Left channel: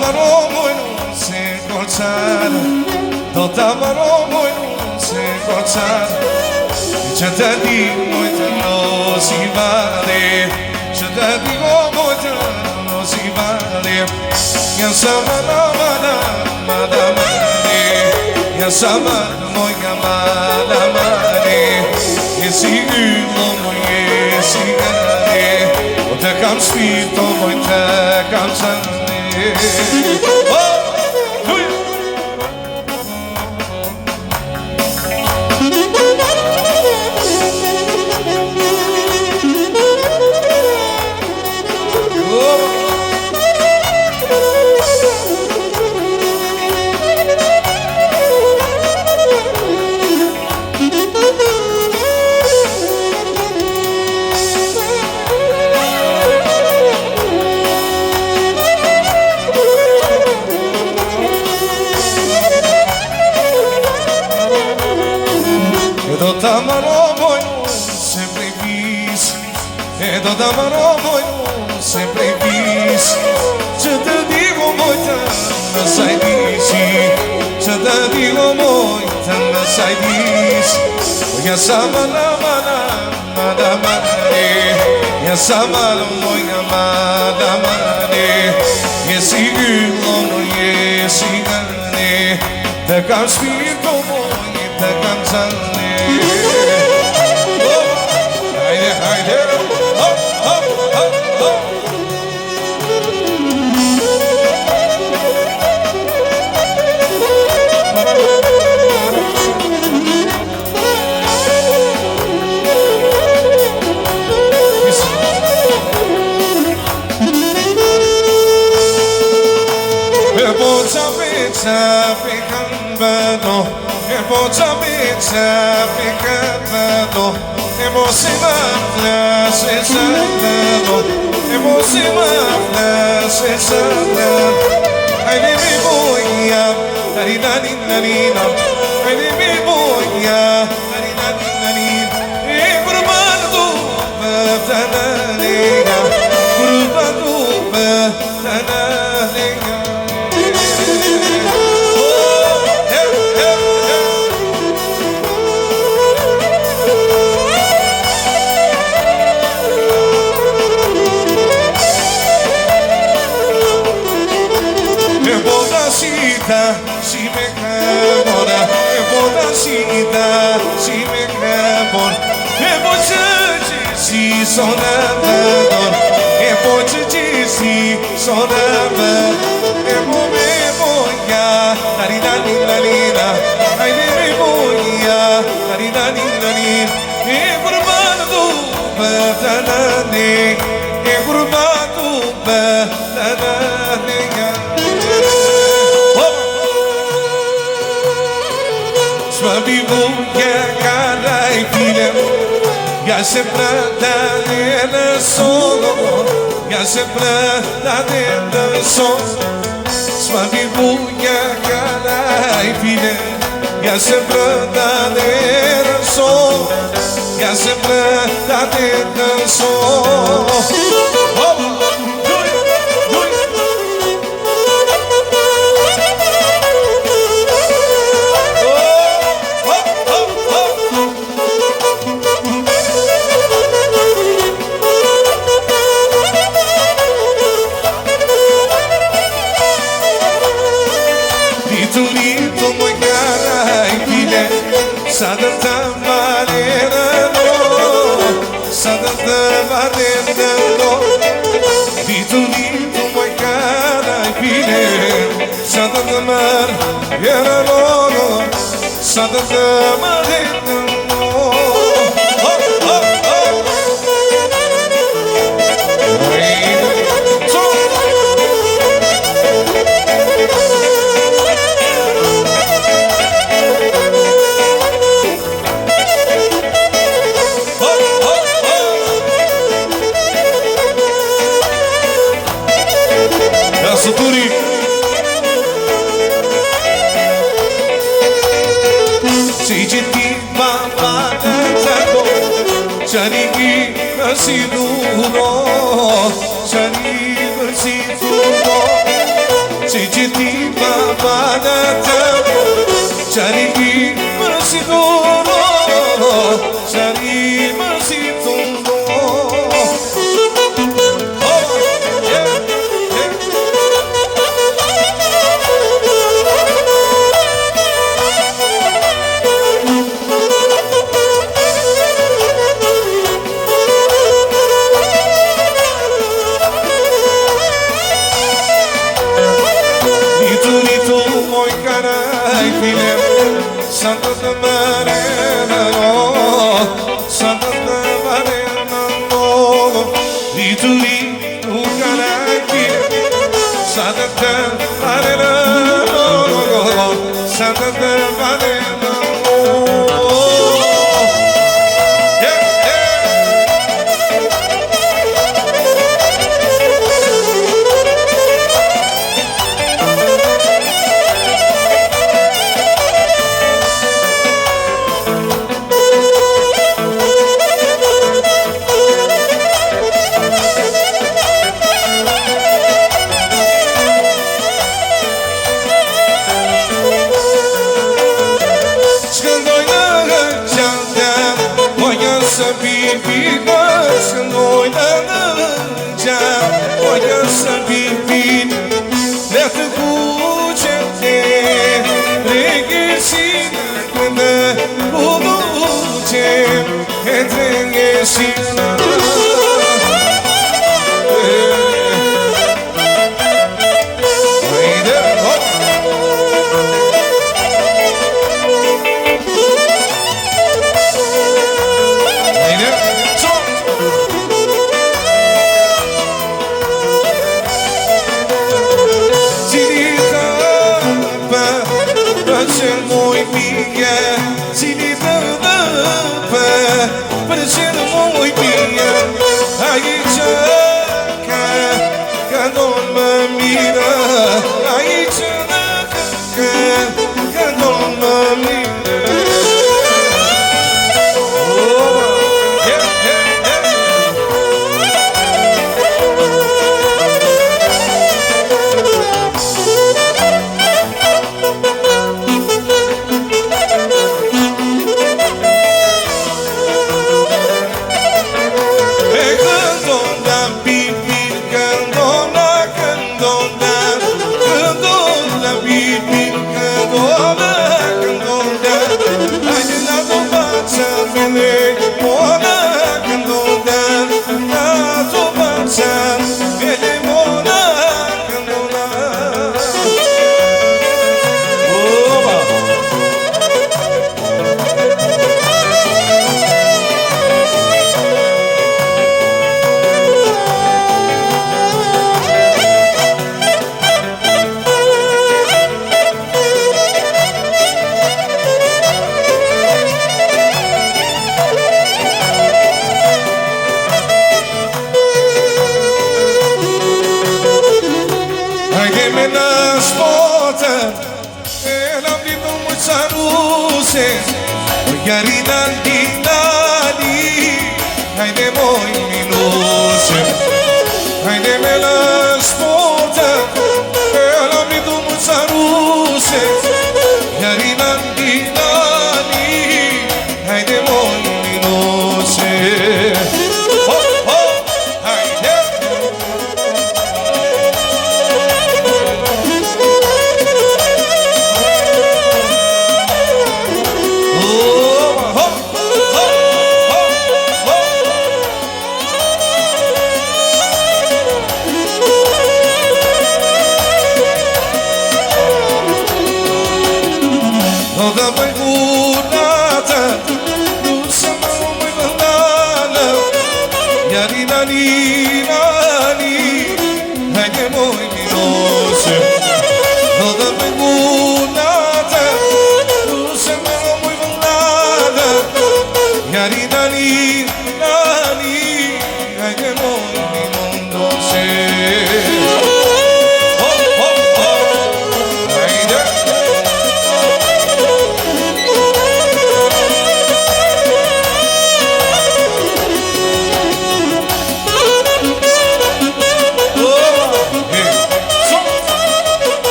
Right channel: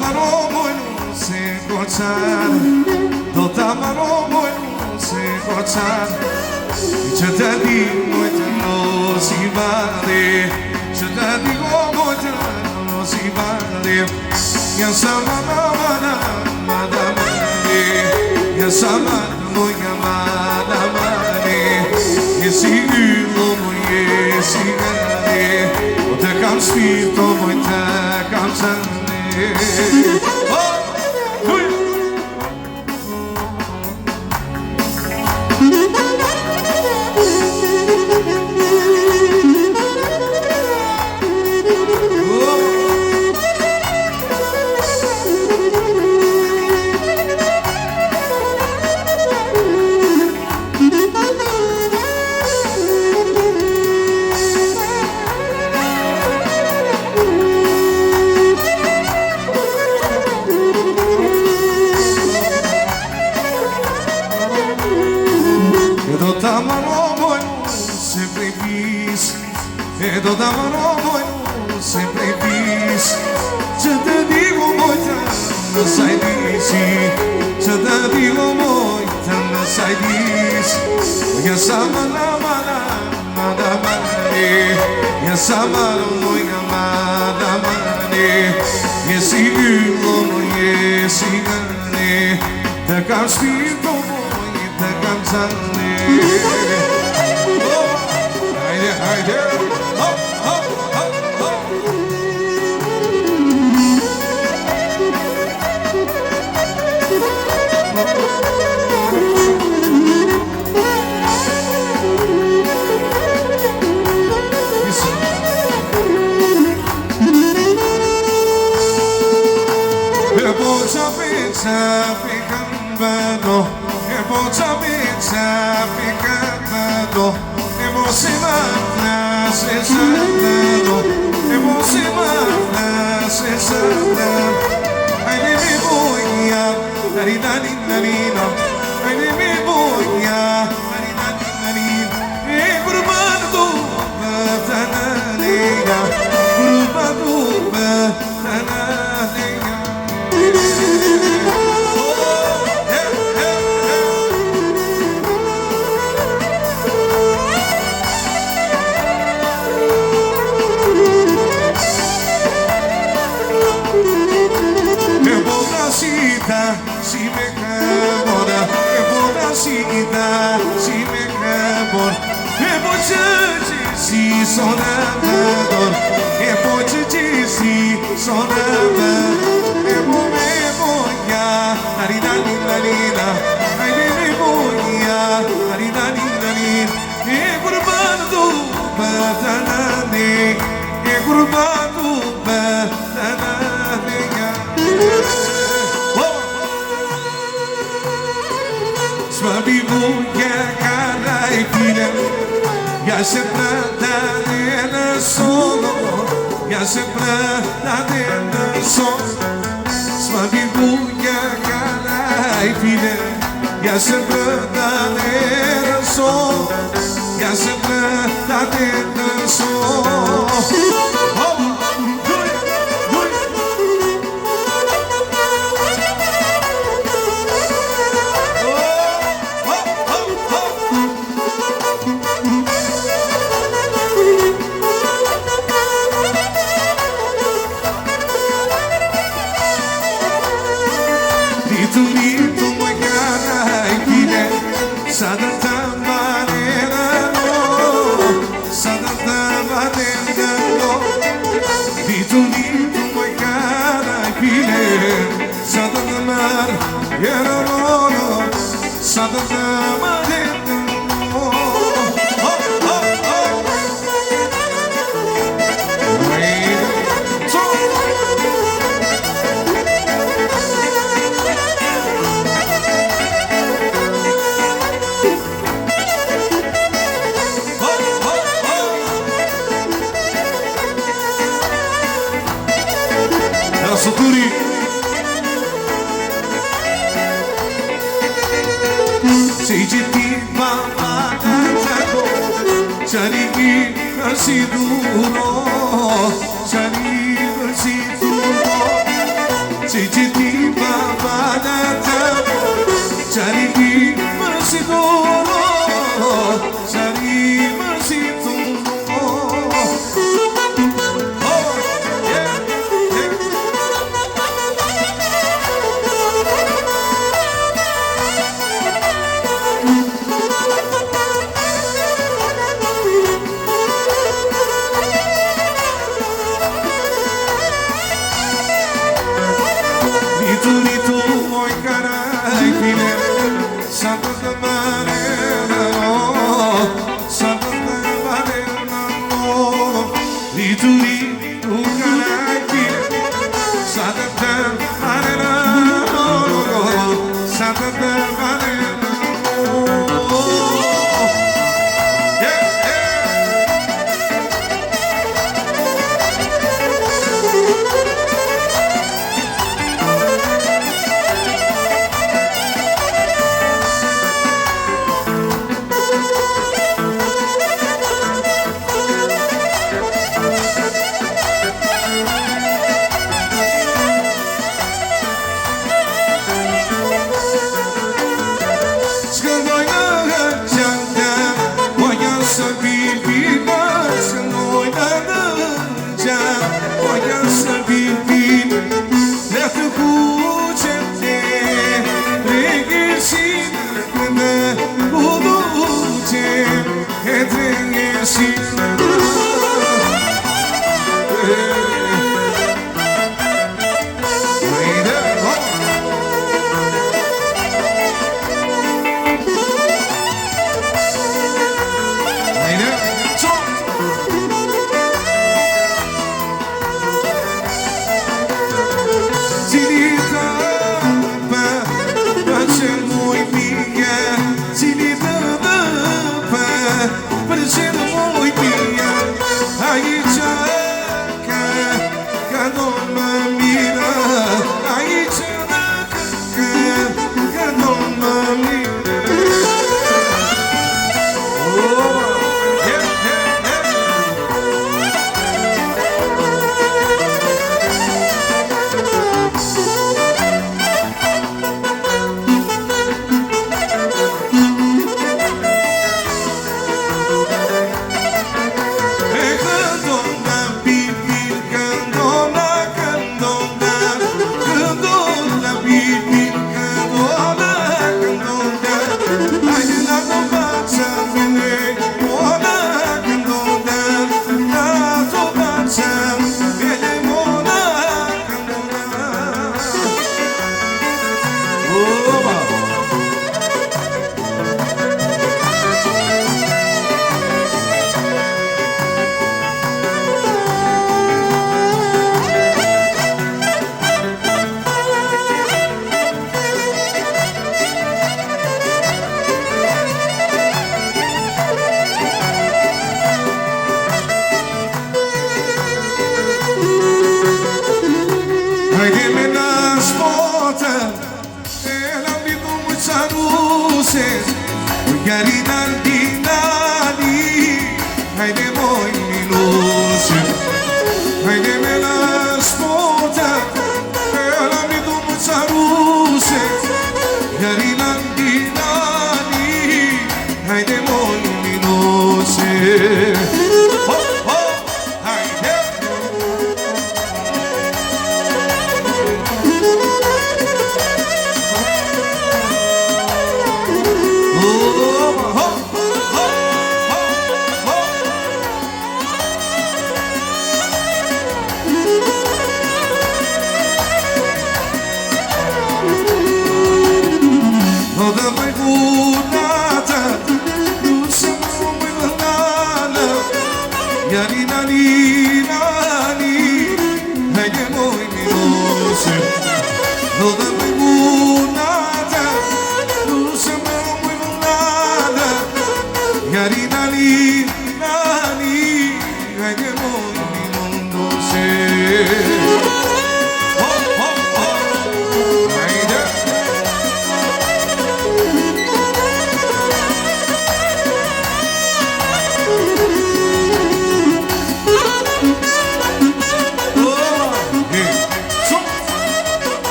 maromoj se koçar, do ta maromoj se koçar, që të di moj të nosi vale, që të di moj të nosi vale, nga sa mana nga sa moj nga mane, nga si ylo moj si gane, o te kam spirto moj te kam qëne. Do ta maromoj sempre vis, do ta maromoj sempre vis, që të digo moj të më sajdisi, që të digo moj të më sajdis, nga sa mana nga sa mana moj nga mane, nga si ylo moj si gane, të kam spirto moj të kam qëne. Haydi, hop, hop, hop, hop. Si me enamora, e bodacita, si me enamora, e boçacı sonador, e boçacı sonador, e boya, larinalina, ai me boya, larinalina, e gurbano do batanane, e gurbano do batanane. Sma vivu che cara e fine, ya sempre da solo, ya sempre da solo. Sma vivu che cara e fine, ya sempre da solo, ya sempre da solo. Lito muy cara y pide, sadata marena no, sadata marena no. Lito muy cara y pide, sadata marena no, sadata marena no. Suturi si ti mamma tempo chani si duro chani si duro që ti më banata Qani ti më si tono Qani më si tono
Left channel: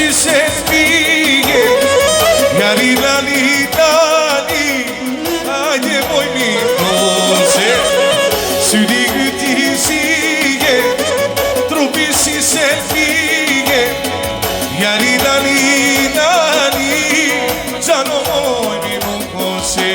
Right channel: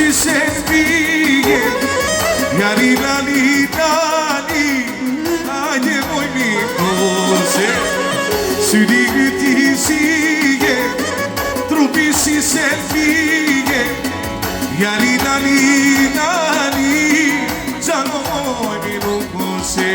si se t'pije Jari lali tani Ajde moj mi kose Syri gyti sige Trupi si se t'pije Jari lali tani Zano moj mi kose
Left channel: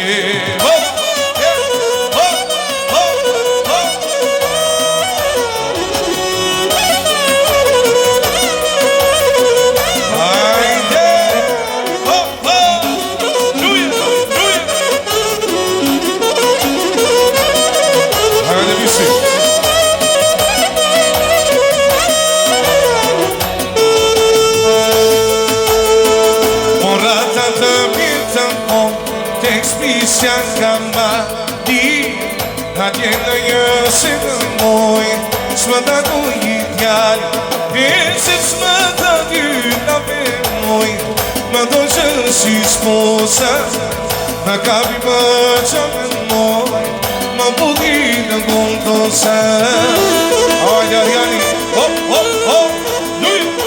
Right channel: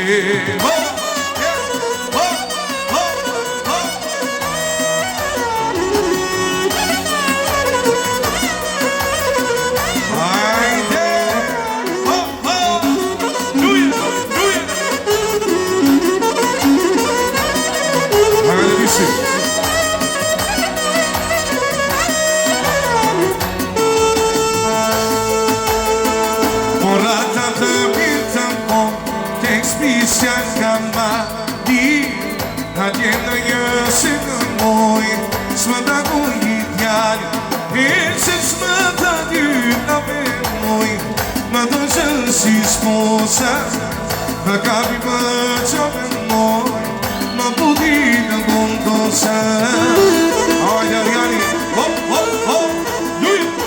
Svënda ku një t'jari Ese s'mëta t'yna me moj Më dojshën si shposa Në kapi më qamë moj Më budi në gondosa Ajja, jari, hop, hop, hop, luj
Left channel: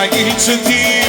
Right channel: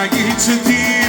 Hagi që ti